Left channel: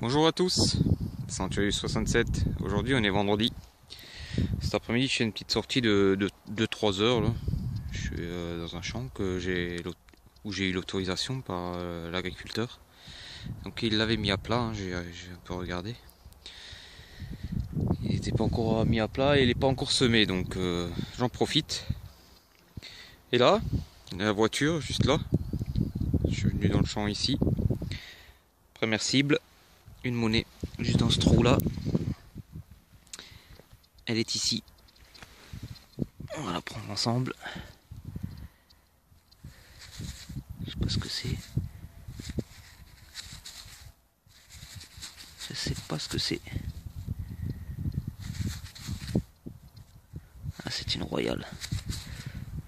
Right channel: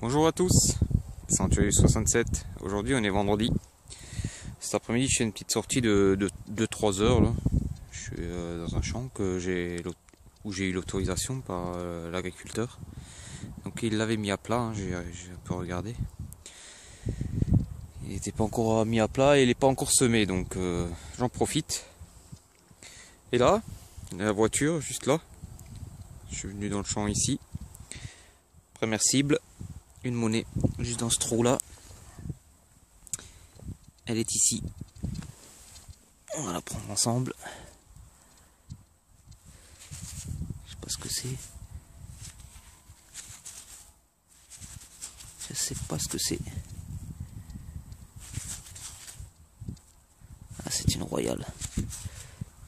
Bonjour à tous, Sanctuary 67. Aujourd'hui on est vendredi. Cet après-midi je fais une petite sortie de 3 heures là. Je suis dans un champ où j'ai eu l'autorisation par l'agriculteur. Donc il l'avait mis à plat, hein, j'ai un peu regardé. Il n'était pas encore mis à plat et il n'est pas encore semé, donc j'en profite. Et là, la voiture juste là. Je suis venu dans le champ ici. Première cible, une monnaie juste dans ce trou là. Elle est ici. On va la prendre ensemble. Je sais pas ce que c'est. Je sais pas ce que c'est. Ah, c'est une royale.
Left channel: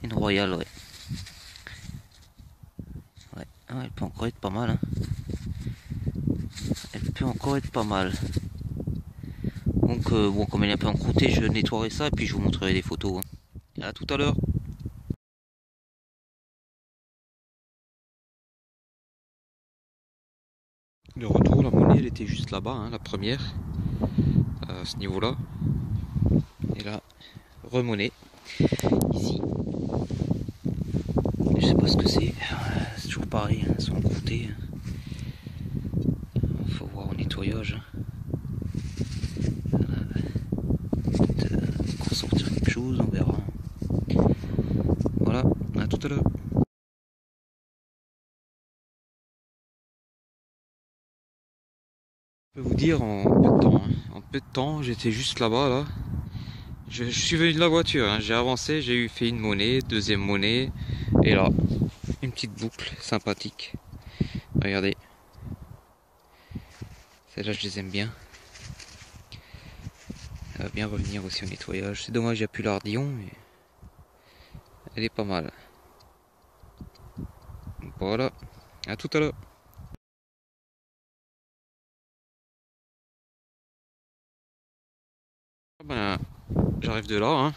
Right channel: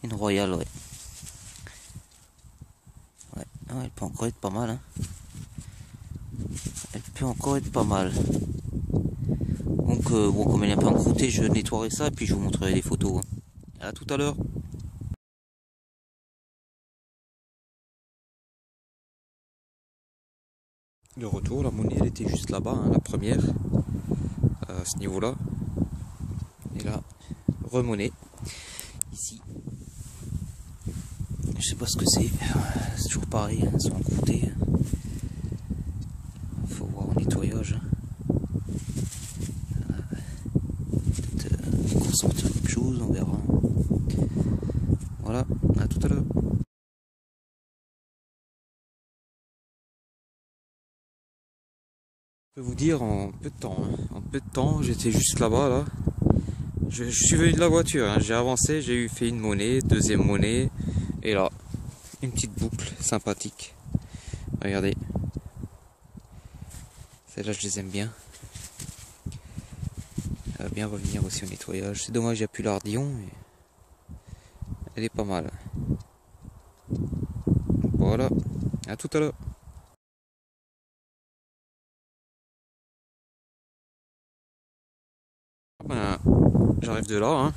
Une royale, ouais. Ouais, ah, elle peut encore être pas mal. Hein. Elle peut encore être pas mal. Donc, bon, comme elle est un peu encroûtée, je nettoierai ça et puis je vous montrerai des photos. Hein. À tout à l'heure. De retour, la monnaie, elle était juste là-bas, hein, la première. À ce niveau-là. Et là, remonnaie. Ici. Je sais pas ce que c'est. C'est toujours pareil, hein, elles sont encroûtées. Faut voir au nettoyage. Peut-être sortir quelque chose, on verra. Voilà, à tout à l'heure. Je peux vous dire en peu de temps, hein. En peu de temps, j'étais juste là-bas, là. Je suis venu de la voiture, hein. J'ai avancé, j'ai fait une monnaie, deuxième monnaie, et là, une petite boucle sympathique. Regardez. Celle-là, je les aime bien. Elle va bien revenir aussi au nettoyage. C'est dommage, il n'y a plus l'ardillon, mais elle est pas mal. Voilà, à tout à l'heure. Ben, j'arrive de là, hein.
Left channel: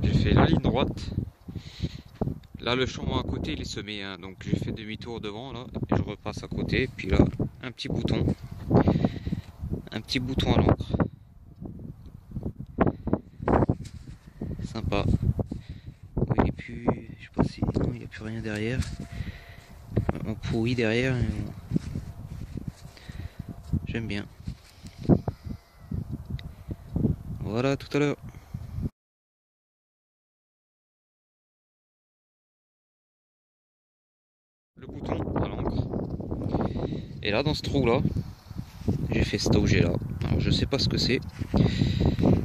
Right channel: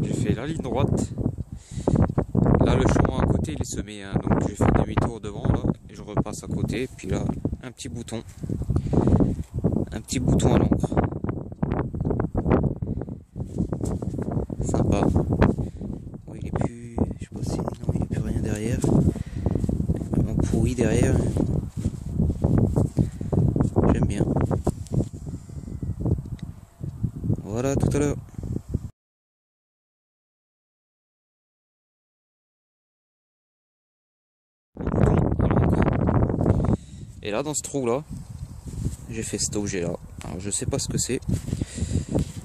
J'ai fait la ligne droite. Là, le champ à côté, il est semé, hein, donc j'ai fait demi-tour devant, là, et je repasse à côté. Puis là, un petit bouton à l'encre. Sympa. Oh, il est plus, je sais pas si, non, il n'y a plus rien derrière. On pourrit derrière. J'aime bien. Voilà, tout à l'heure. Le bouton à l'encre. Et là, dans ce trou là, j'ai fait cet objet là. Alors je sais pas ce que c'est.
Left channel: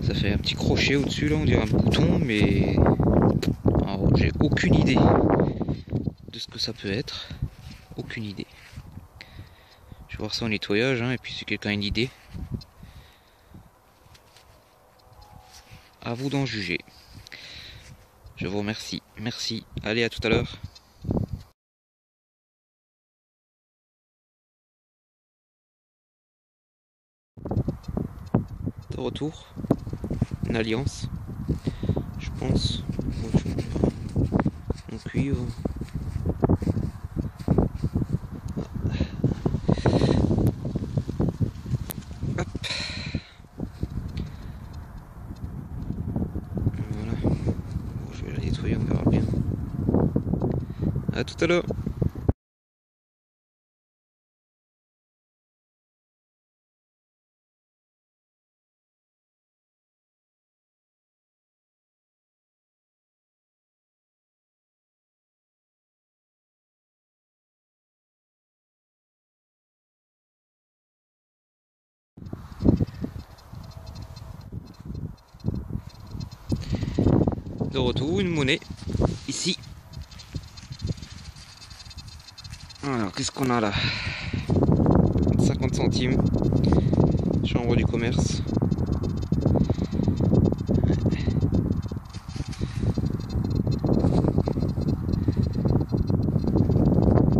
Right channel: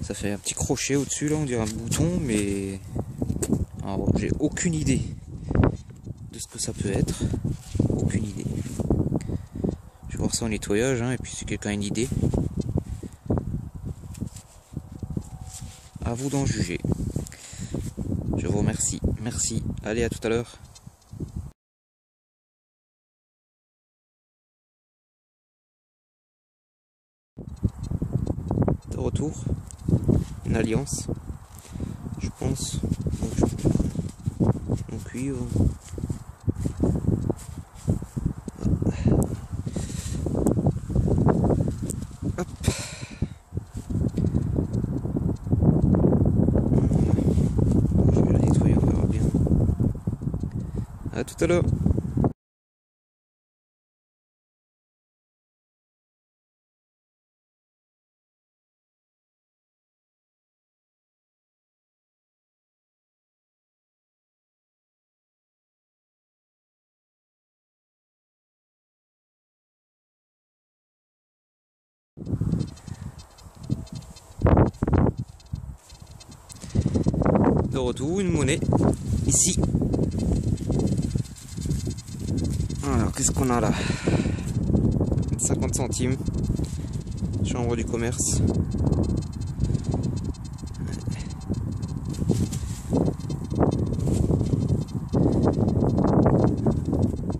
Ça fait un petit crochet au-dessus là, on dirait un bouton, mais alors j'ai aucune idée de ce que ça peut être. Aucune idée. Je vais voir ça au nettoyage, hein, et puis si quelqu'un a une idée, à vous d'en juger. Je vous remercie. Merci. Allez, à tout à l'heure. De retour. Une alliance. Je pense. Mon cuivre. Hop. Voilà. Je vais la nettoyer, on verra bien. À tout à l'heure. De retour, une monnaie. Ici. Alors, qu'est-ce qu'on a là? 50 centimes. Chambre du commerce.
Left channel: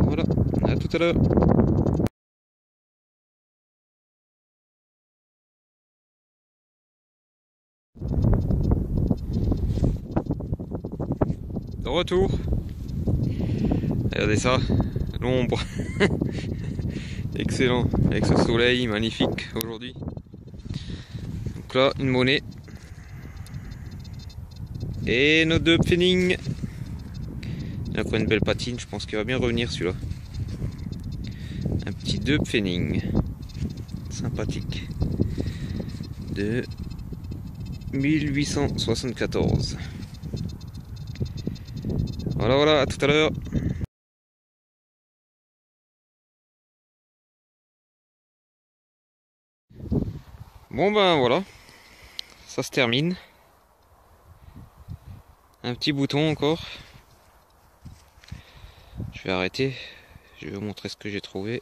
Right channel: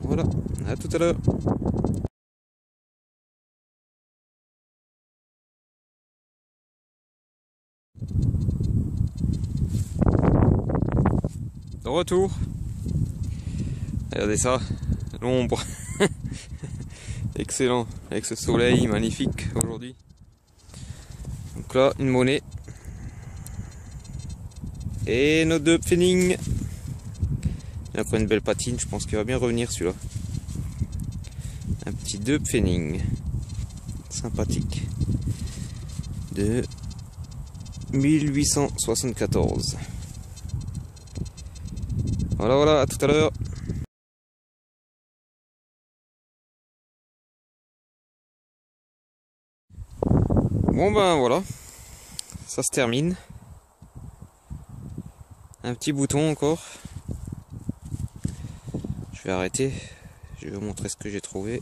Voilà, à tout à l'heure. De retour. Regardez ça, l'ombre. Excellent, avec ce soleil magnifique aujourd'hui. Donc là, une monnaie. Et nos deux pfennig. Il a encore une belle patine, je pense qu'il va bien revenir celui-là. Un petit deux pfennig. Sympathique. De 1874. Voilà, voilà, à tout à l'heure. Bon ben voilà, ça se termine. Un petit bouton encore. Je vais arrêter. Je vais vous montrer ce que j'ai trouvé.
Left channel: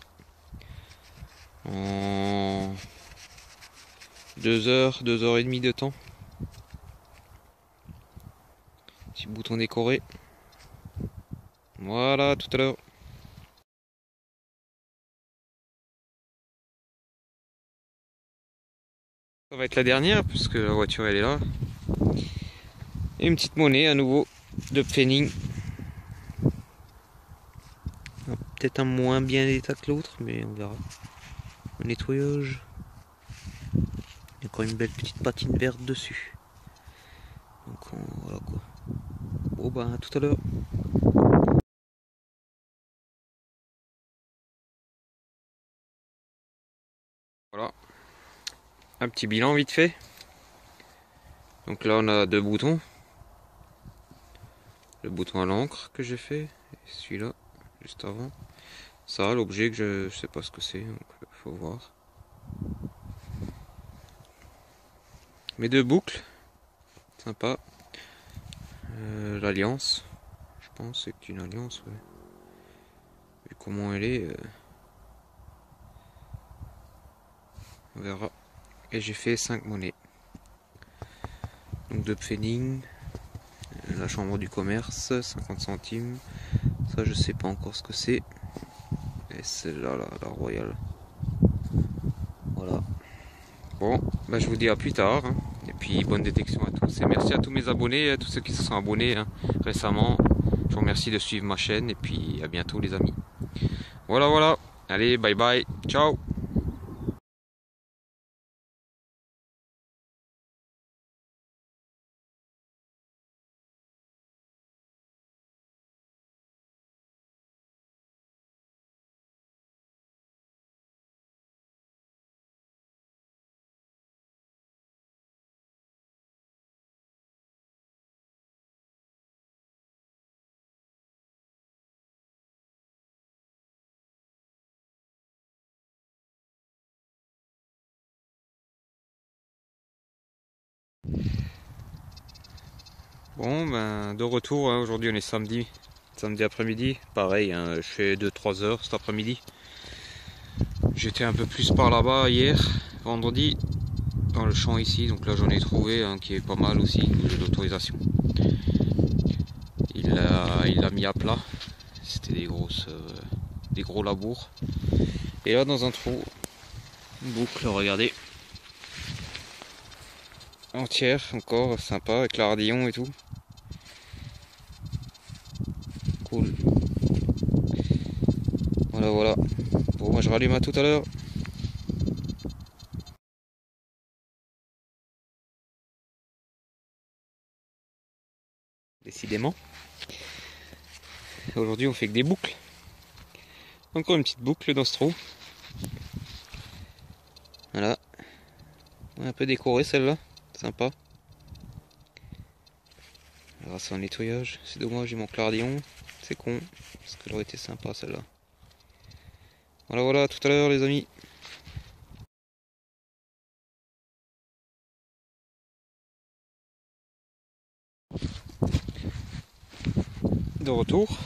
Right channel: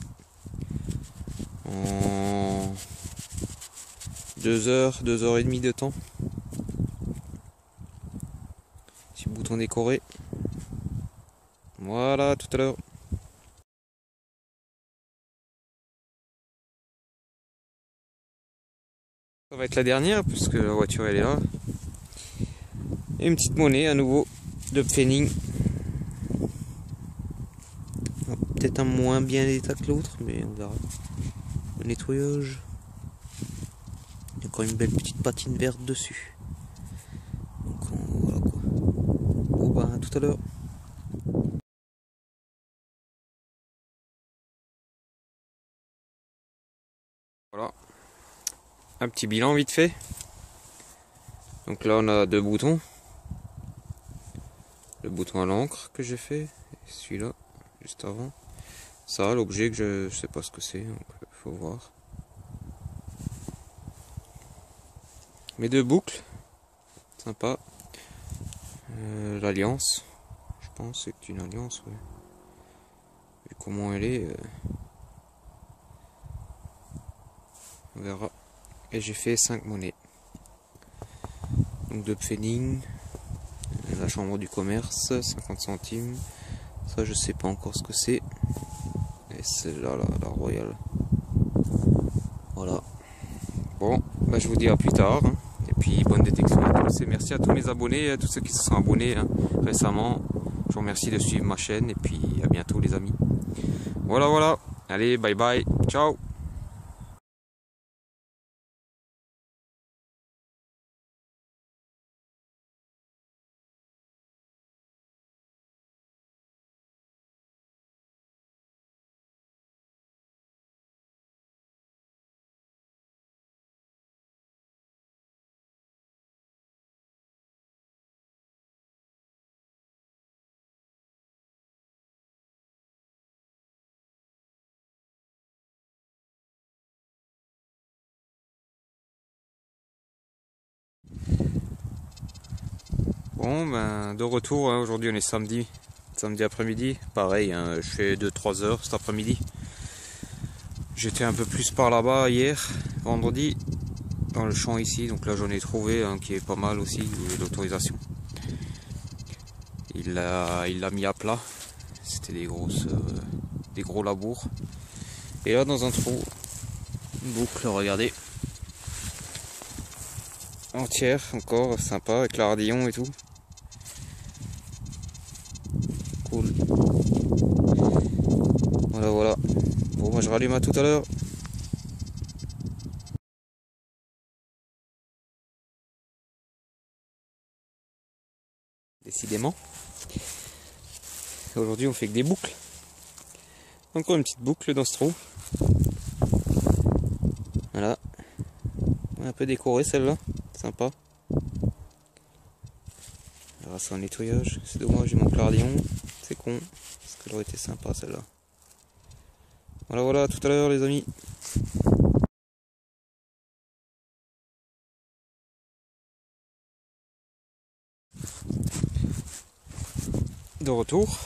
En 2 heures et demie de temps. Petit bouton décoré. Voilà, à tout à l'heure. Ça va être la dernière puisque la voiture elle est là. Et une petite monnaie à nouveau de pfennig. Peut-être un moins bien état que l'autre, mais on verra. Le nettoyage. Il y a encore une belle petite patine verte dessus. Donc voilà quoi. Bon bah à tout à l'heure. Voilà. Un petit bilan vite fait. Donc là on a deux boutons. Le bouton à l'encre que j'ai fait. Et celui-là, juste avant. Ça, l'objet que je sais pas ce que c'est, donc faut voir. Mes deux boucles. Sympa. L'alliance. Je pense que c'est une alliance, ouais. Vu comment elle est. On verra. Et j'ai fait 5 monnaies. Donc de pfennig. La chambre du commerce, 50 centimes. Ça je sais pas encore ce que c'est. Et celle-là, la royale. Voilà. Bon, bah je vous dis à plus tard. Hein. Et puis bonne détection à tous. Et merci à tous mes abonnés, à tous ceux qui se sont abonnés hein, récemment. Je vous remercie de suivre ma chaîne. Et puis à bientôt les amis. Voilà, voilà. Allez, bye bye. Ciao. Bon, ben de retour. Hein. Aujourd'hui on est samedi. Samedi après-midi. Pareil, hein, je fais 2-3 heures cet après-midi. J'étais un peu plus par là-bas hier, vendredi, dans le champ ici. Donc là j'en ai trouvé un qui est pas mal aussi, où j'ai l'autorisation. Il l'a mis à plat. C'était des gros labours. Et là dans un trou, une boucle, regardez. Entière encore, sympa, avec l'ardillon et tout. Cool. Voilà, voilà. Bon, moi je rallume à tout à l'heure. Décidément. Aujourd'hui on fait que des boucles. Encore une petite boucle dans ce trou. Voilà. Un peu décorée celle-là. Sympa. Grâce au nettoyage. C'est dommage, il manque l'ardillon. C'est con. Parce qu'elle aurait été sympa celle-là. Voilà, voilà, à tout à l'heure les amis. De retour.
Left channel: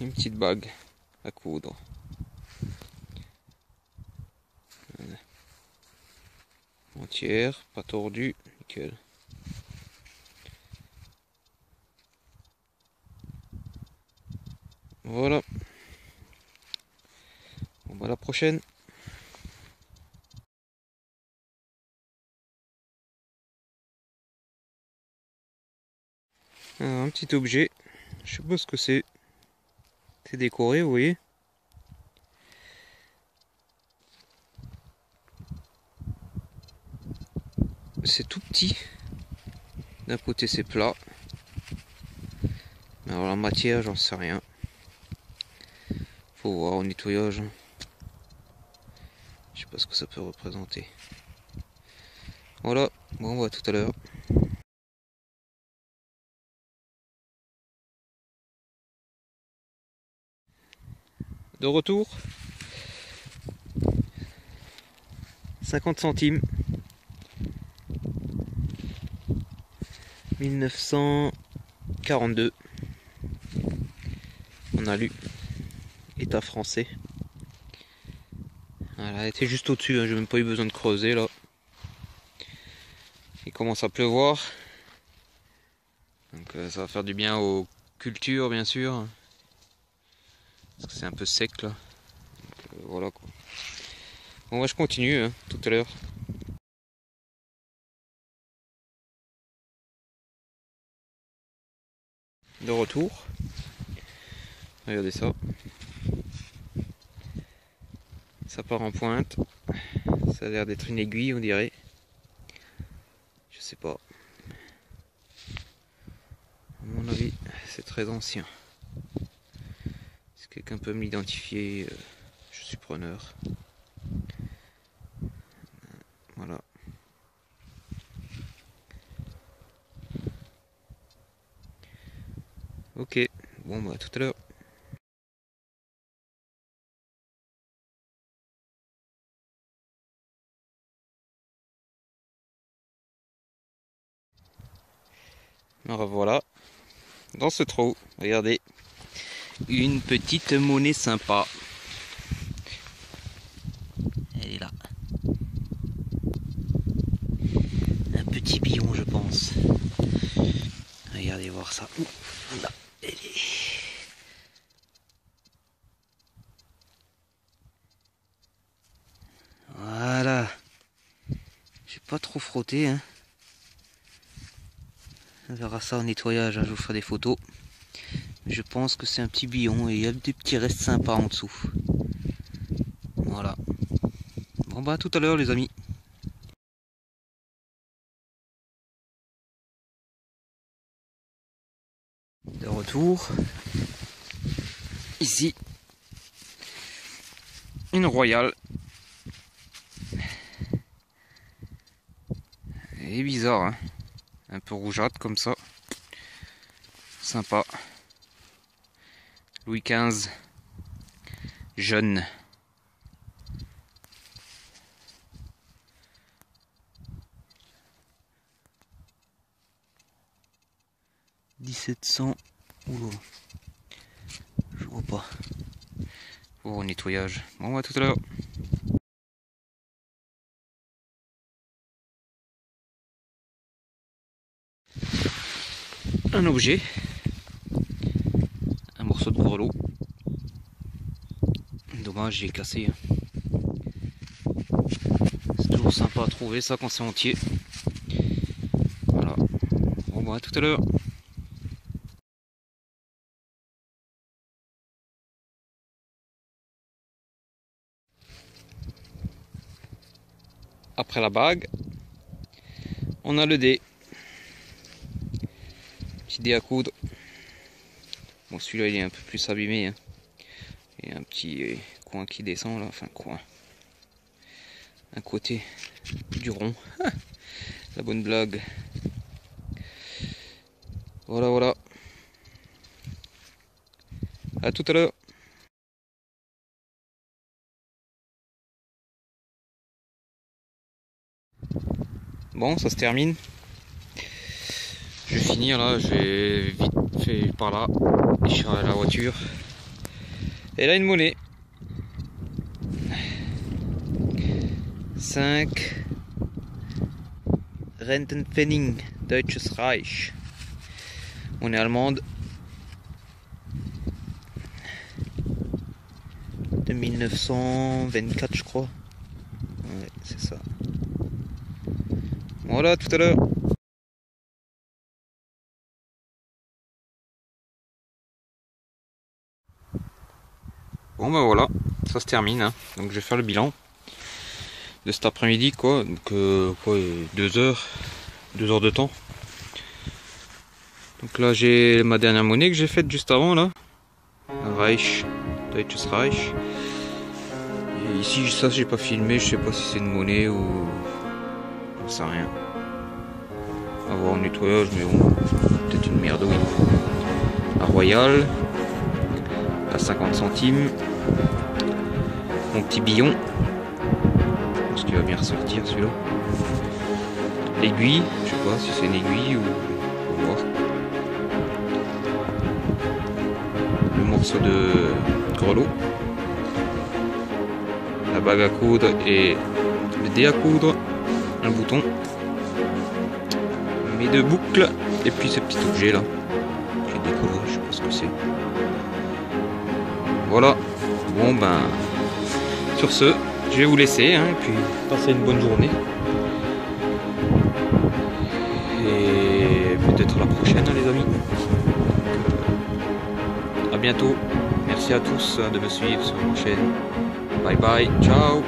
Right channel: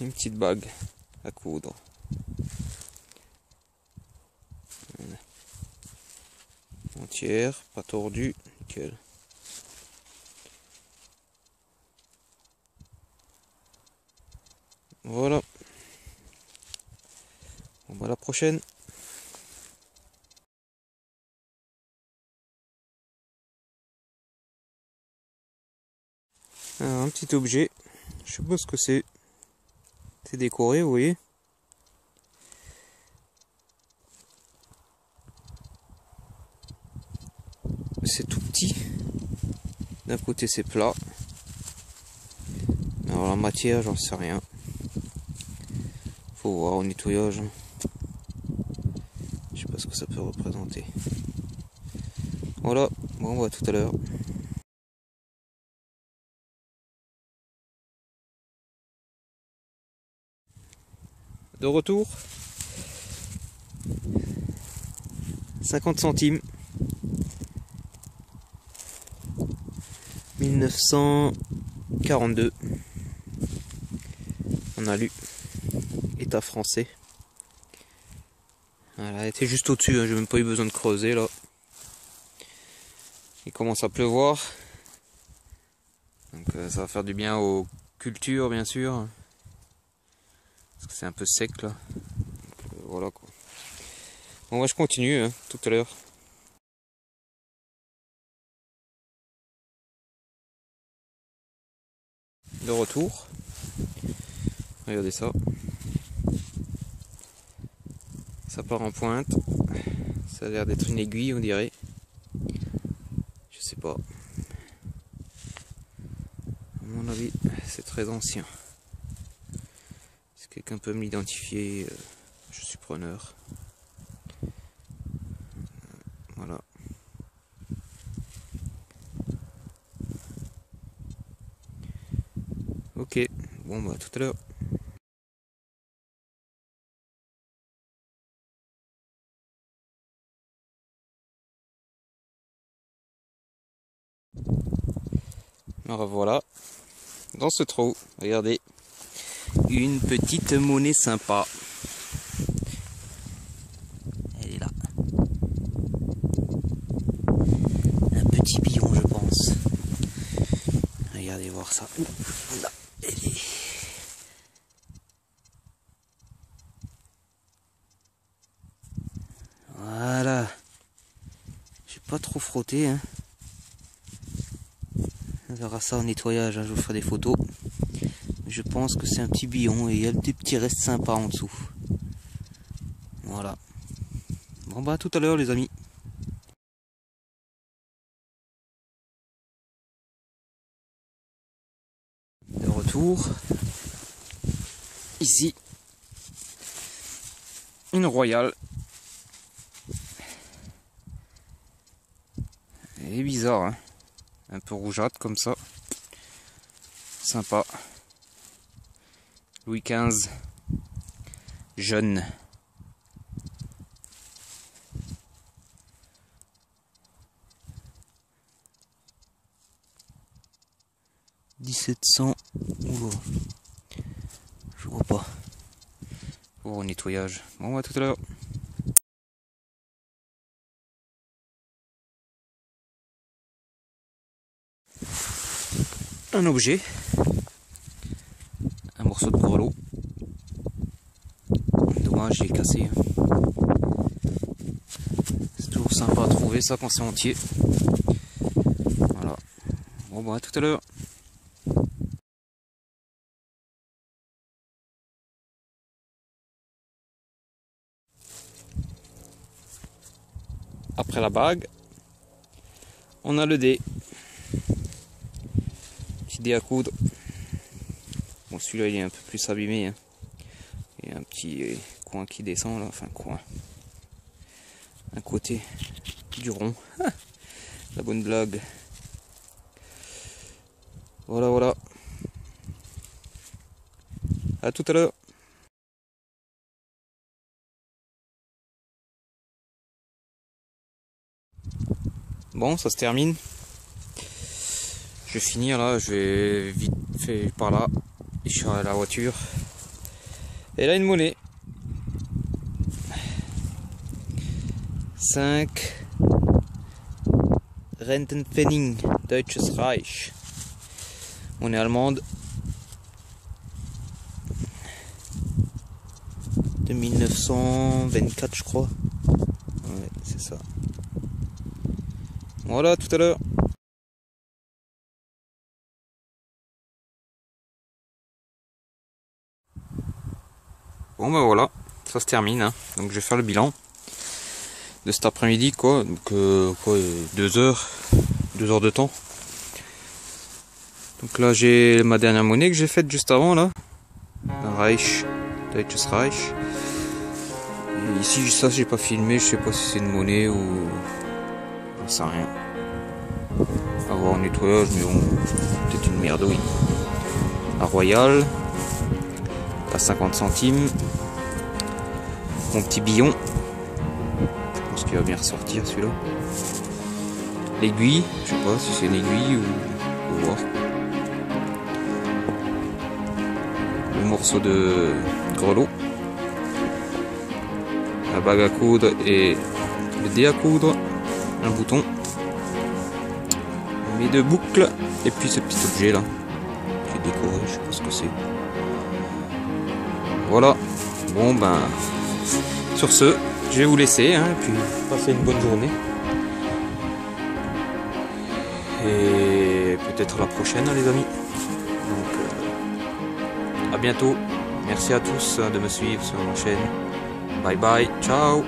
Une petite bague à coudre. Voilà. Entière, pas tordue, nickel. Voilà. Bon bah à la prochaine. Alors, un petit objet. Je sais pas ce que c'est. C'est décoré, vous voyez. D'un côté c'est plat. Alors la matière, j'en sais rien. Faut voir au nettoyage. Je sais pas ce que ça peut représenter. Voilà, bon, on va tout à l'heure. De retour. 50 centimes. 1942. On a lu. État français. Voilà, elle était juste au-dessus, hein, j'ai même pas eu besoin de creuser là. Il commence à pleuvoir. Donc ça va faire du bien aux cultures bien sûr. Parce que c'est un peu sec là. Donc, voilà quoi. Bon, je continue hein, tout à l'heure. De retour. Regardez ça. Ça part en pointe. Ça a l'air d'être une aiguille on dirait. Je sais pas. À mon avis, c'est très ancien. Si quelqu'un peut me l'identifier, je suis preneur. Voilà. Ok, bon bah tout à l'heure. Alors voilà, dans ce trou, regardez, une petite monnaie sympa. Elle est là. Un petit billon je pense. Regardez voir ça. Ouh, là, elle est... Voilà. J'ai pas trop frotté hein. On verra ça au nettoyage, hein, je vous ferai des photos. Je pense que c'est un petit billon et il y a des petits restes sympas en dessous. Voilà. Bon bah à tout à l'heure les amis. De retour. Ici. Une royale. Elle est bizarre hein. Un peu rougeâtre comme ça. Sympa. Louis XV. Jeune. « 1700. Oula. Je vois pas. Pour nettoyage. Bon, à tout à l'heure. Un objet. Un morceau de grelot. Dommage, j'ai cassé. C'est toujours sympa à trouver ça quand c'est entier. Voilà. Bon, bah, à tout à l'heure. Après la bague, on a le dé. Petit dé à coudre. Bon, celui-là, il est un peu plus abîmé. Hein. Il y a un petit coin qui descend là. Enfin, coin. Un côté du rond. La bonne blague. Voilà, voilà. À tout à l'heure. Bon, ça se termine. Je vais finir là, je vais vite fait par là. Je suis à la voiture. Et là, une monnaie. 5 Rentenpfennig, Deutsches Reich. Monnaie allemande. De 1924, je crois. Ouais, c'est ça. Voilà, tout à l'heure. Bon ben voilà, ça se termine. Hein. Donc je vais faire le bilan de cet après-midi quoi. Donc quoi, 2 heures de temps. Donc là j'ai ma dernière monnaie que j'ai faite juste avant là. Un Reich, Deutsches Reich. Et ici ça j'ai pas filmé, je sais pas si c'est une monnaie ou... J'en sais rien. À voir au nettoyage, mais bon, peut-être une merdouille. Un Royal, à 50 centimes. Mon petit billon. Je pense qu'il va bien ressortir celui-là. L'aiguille, je sais pas si c'est une aiguille ou... Faut voir. Le morceau de grelot. La bague à coudre et le dé à coudre. Un bouton. Mes 2 boucles. Et puis ce petit objet là. Qui est décoré, je sais pas ce que c'est. Voilà. Bon ben... Sur ce, je vais vous laisser, hein, et puis passer une bonne journée. Et peut-être à la prochaine, hein, les amis. Donc, à bientôt. Merci à tous de me suivre sur ma chaîne. Bye bye, ciao.